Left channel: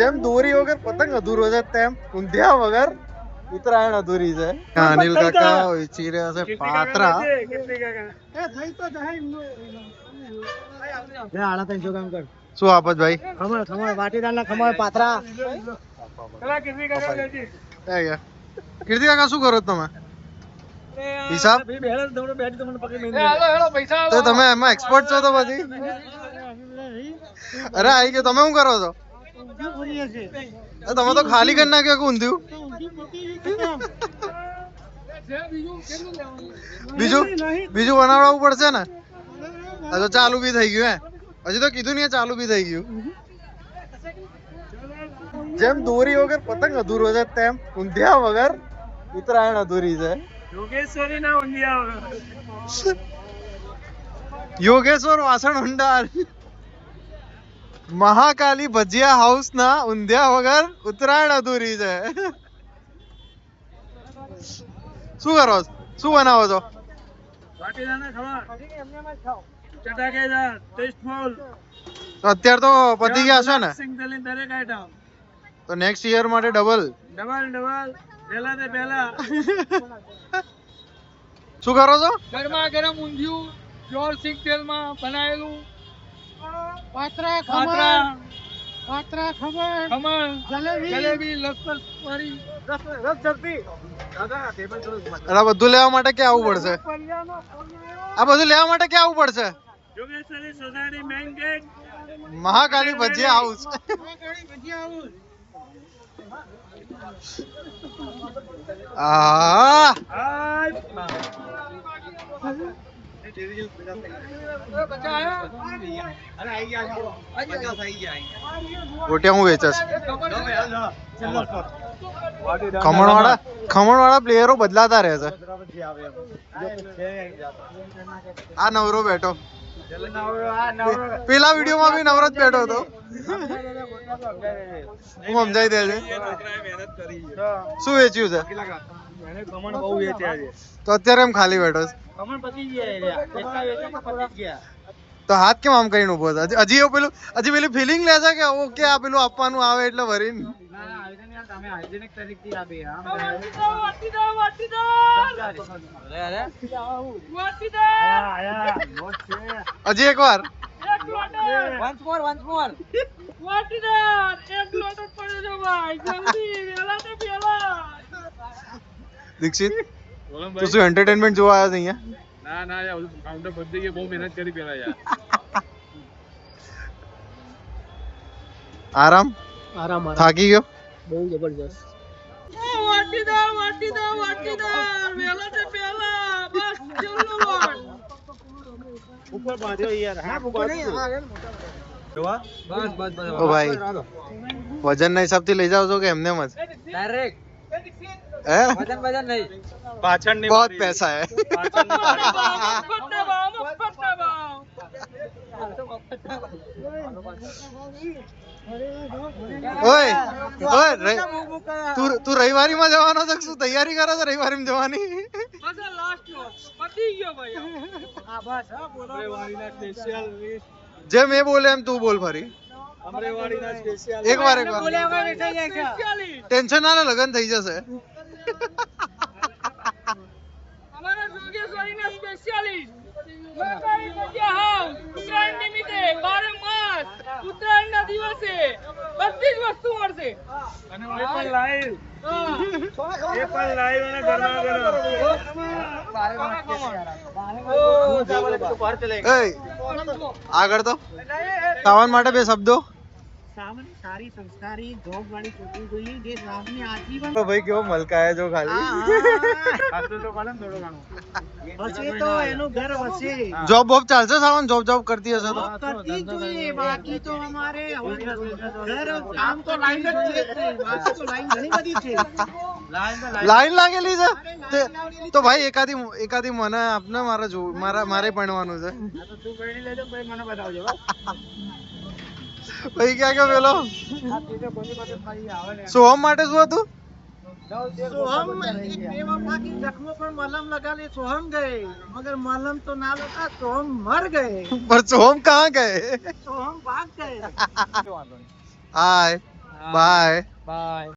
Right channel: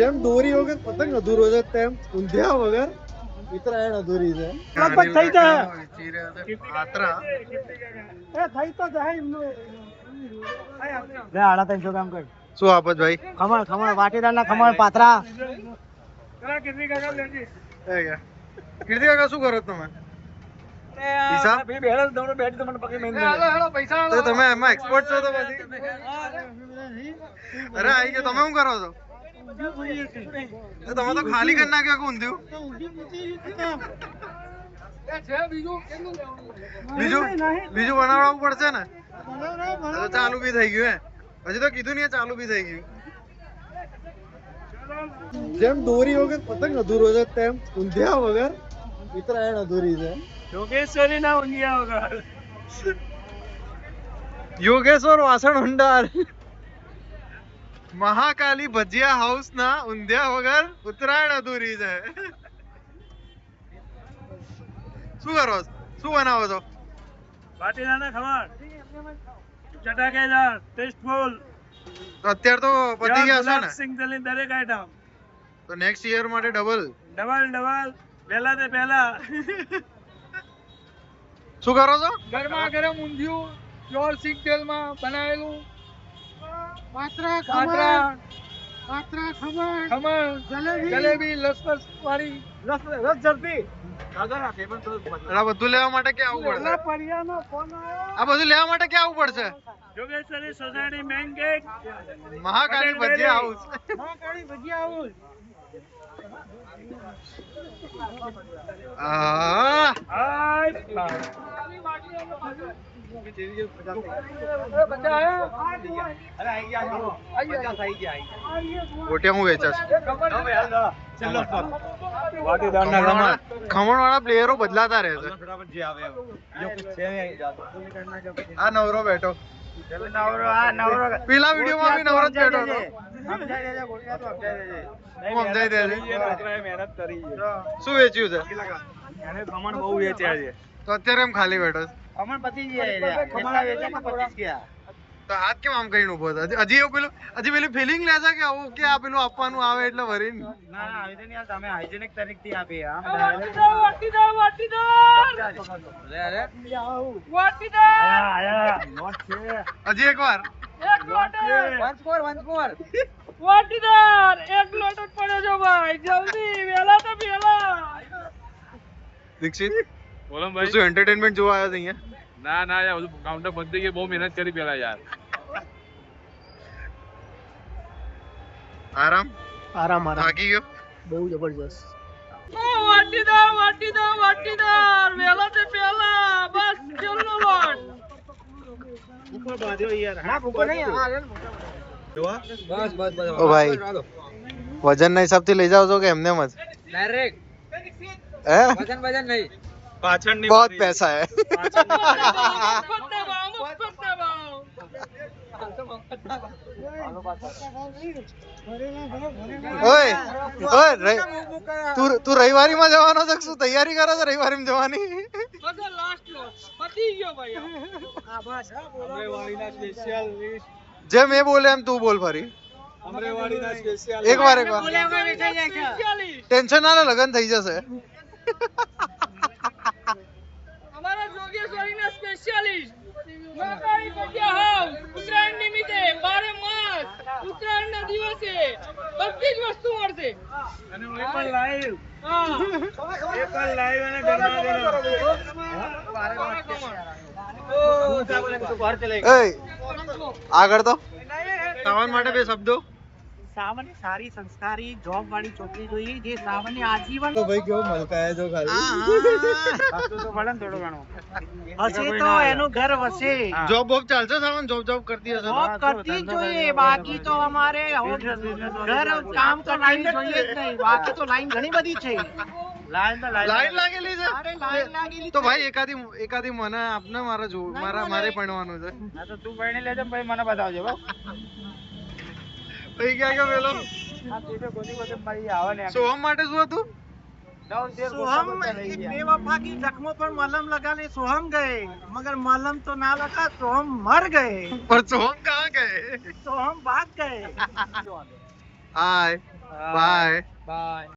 જેમ દોરી વગર પતંગ અધૂરો છે તેમ ઊંધિયા વગર ઉત્તરાયણ અધૂરી છે. અનિલ કાકા વેચી રહ્યા છે પાત્રા. શું આપત ભાઈ? ખમણ ખમણ વાટીદારના ખમણ પાત્રા. કીર્તિ કાકા શું કરો તમે? હિસાબ તો તમે એમાં એક્સપર્ટ છો તો પછી? અરે આઈ ગયો. તમે શું કરો છો? તમે તો ખાલી કરી નાખ્યો કે ઊંધિયું? બીજું બનાવડાવવું પડશે ને? તો ચાલુ બી થઈ ગયું. હજી તો કીધું નહીં ચાલુ બી થઈ ગયું. જેમ દોરી વગર પતંગ અધૂરો છે તેમ ઊંધિયા વગર ઉત્તરાયણ અધૂરી છે. યોગેશ્વરી ના ઊંધિયા વગર. યોગેશ્વર વાસણ ઉંડાર મહાકાલી ભજીયા હાઉસ ના ઊંધિયા વગર ઉત્તરાયણ અધૂરી છે. શું કરો છો? શું બનાવો છો? વાટીદારના ખમણ ચટાકેદાર ટેસ્ટફુલ. અત્યારે તો પતી ગયા છે ને? સિંગતલી દરેક આઈટમ. તો નેક્સ્ટ યર માટે ડબલ પહેલા તે પહેલા. શું કરો છો? ગરમા ગરમ ઊંધિયું પ્યોર સિંગ તેલમાં બનાવેલું. પાત્રા ખમણ જલેબી લસપસ વાળી રસ જલ્દી. આ બધું લેવા માટે ક્યાં આવવું પડશે? Yogeshwari society main gate Mahakali ભજીયા હાઉસ. ગોટિયા હું વેચે છે? ખમણ વાળા પ્લેયરો બદલાતા રહે છે. આ નવરો બેઠો. પેલા વિડીયોમાં બી નવરો જ બેઠો હતો. હું સમજાઈ દે છે. શું વેચ્યું છે? ખમણ બહુ વેચ્યા છે. તો અત્યારે એમ ખાલી બેઠો છે? ખમણ પતી ગયા કેટલા વેચ્યા તો પતી ગયા. તો હાથ કેમ આમ કરીને ઉભો છે? હજી પેલી ફિલિંગ લે છે કે ઓકે આ પેલું આપવાનું આવે એટલે ભરીને? ના આવી તો નહીં. તમે હાઇજેનિક તરીકેથી આપી આમ હજી એક વાર વન્સ મોર વાટીદાર એક લોટ પડ્યો છે ભાઈ. જલ્દી વેલા તો વેલા. દીક્ષિત બોલો તું શું એન્ટરટેનમેન્ટ જોવા આવ્યો છે અહીંયા? ના યાર કાઉન્ટર પતી ગઈ. બહુ મહેનત કરી પેલા યાર. આરામ થાકી ગયો? બહુ જબરજસ્ત. વાટીદાર વેલા તો વેલા. બસ ચલો લોટ ઉપર બાંધ્યો યાર. હા ઉપર નહીં. બસ ઓ ભાઈ વજન ના હિસાબ થી લઈ જાવ છો કે એમને જ? ડાયરેક્ટ હે? વજન નહીં. પાછળ નહીં. बहुत पैसा है. ઓય તું રવિવારી માં જવાનો છે? શું તૈયારી કરો છો રવિવારી માં જવાની? જે મેં બોલે એમ તું બોલ ફરી. એક વાર ટેન્શન ના લે, લગન થઈ જશે. અમારા જોગેશ્વરીના સ્પેશિયાલિસ્ટ મહાકાળી ભજીયા હાઉસ ઉત્તરાયણ નિમિત્તે 12 માસ ઉત્તરાયણના દિવસે બધી જ વસ્તુ મળશે. અને એ પણ લાઈવ અને ગરમા ગરમ. આગળ તો સાવન માટે બે શબ્દો. સાવની સારી સંસ્કારી જોબ વાળી છોકરી જોઈએ જે સાવની આજીવન. તો ભાઈ કેવો મલકાય જો ખાલી. તો ભલે થોડો ઘણો હશે તો એનું ઘર વસે. જોબ ચાલશે? સાવન જોબ કરતી હશે તો કરતી જોઈએ. બાકી તો અમારે ઘર કામ તો લાઈન જોઈએ જ નહીં. બાકી તો લાઈન ઘણી બધી છે. લાઈન લાગેલી છે તો ભાઈ એકાદી મને આપને. મારે ભણવાનું છે. તું ભણી લેજો ભાઈ, મને બતાવજો. ભાઈ ક્યાં ગયો પેલો? સોહમ માટે શું હતું? सोहम एक बेवफा की जख्मों पर मलहम लगा ले सोहम गए, मगर मलहम तो ना लगा, सोहम मर गए। पर सोहम कहाँ गए? सोहम भाग गए। हाय બાય.